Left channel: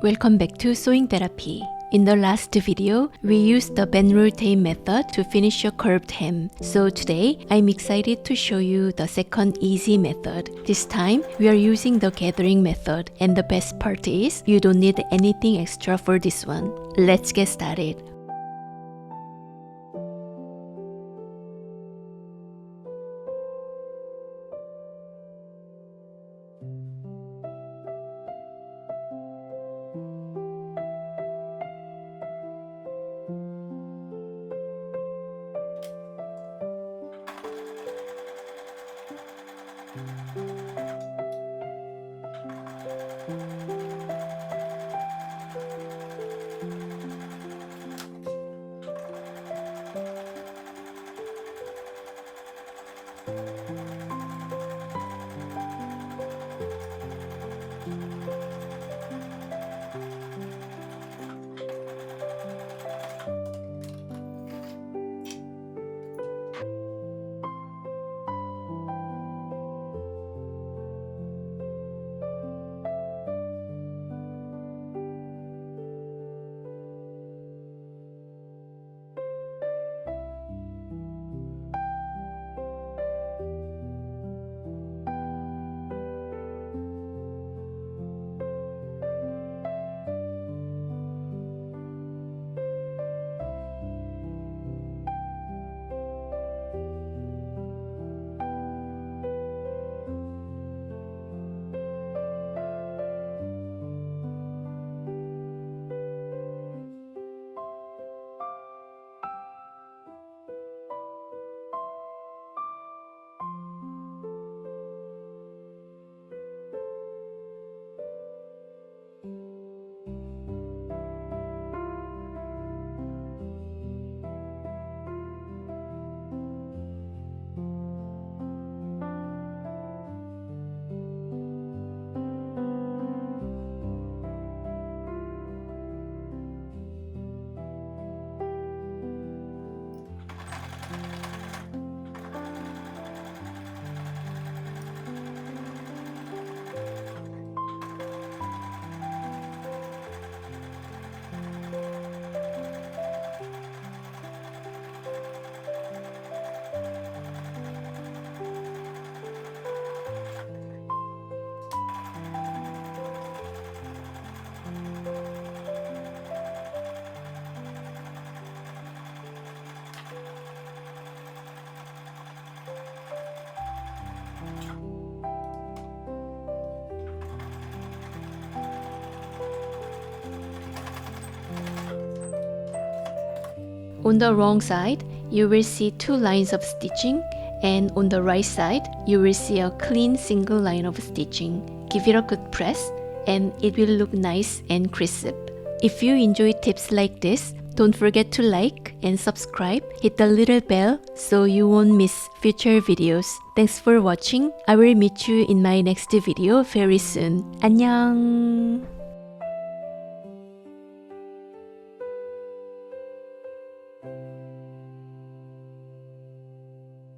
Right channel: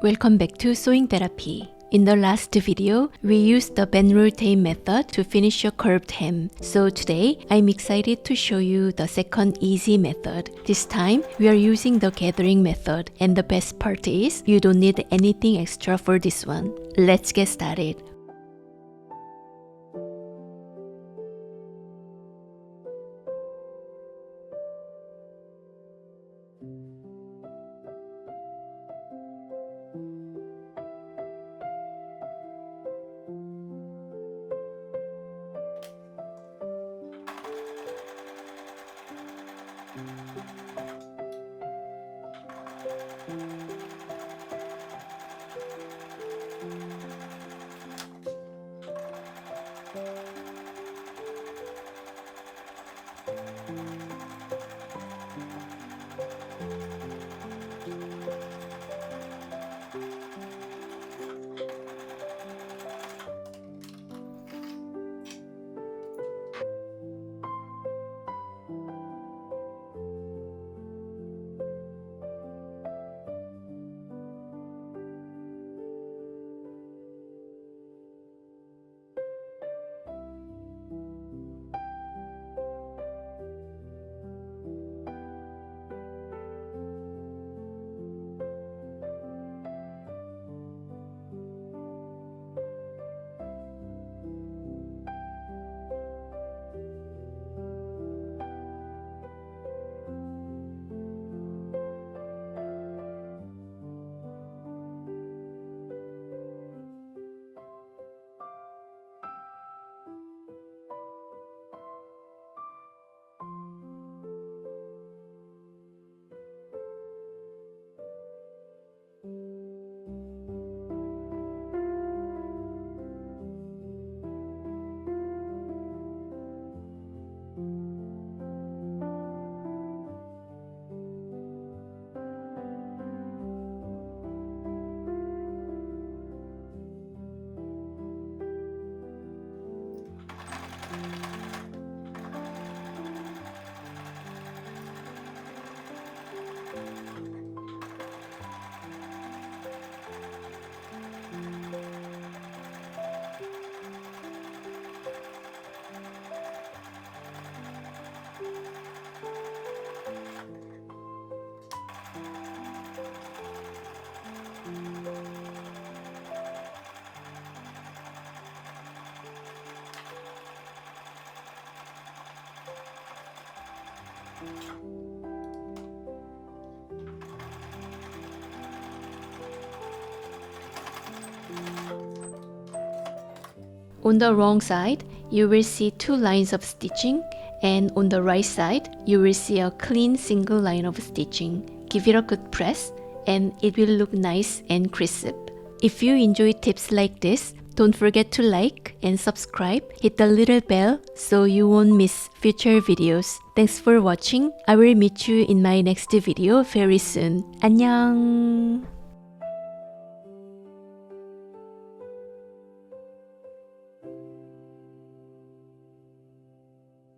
Welcome back to Sewing Therapy. In the last video, we used the bend roll tape method to finish a curved hem. So today, I'm excited to show you the second easy method. This time, we are using the gathering method, and the best part is you don't need anything extra for this one. Let's get started. On the wrong side, you will see two lines of stitching, and on the right side, you will see a clean single line of stitching. Give it a good press, and it will look nice and crisp. If you enjoy tips like this, don't forget to like and subscribe. Hit the little bell so you won't miss future videos. Thanks for watching. I will meet you in my next video very soon. 안녕.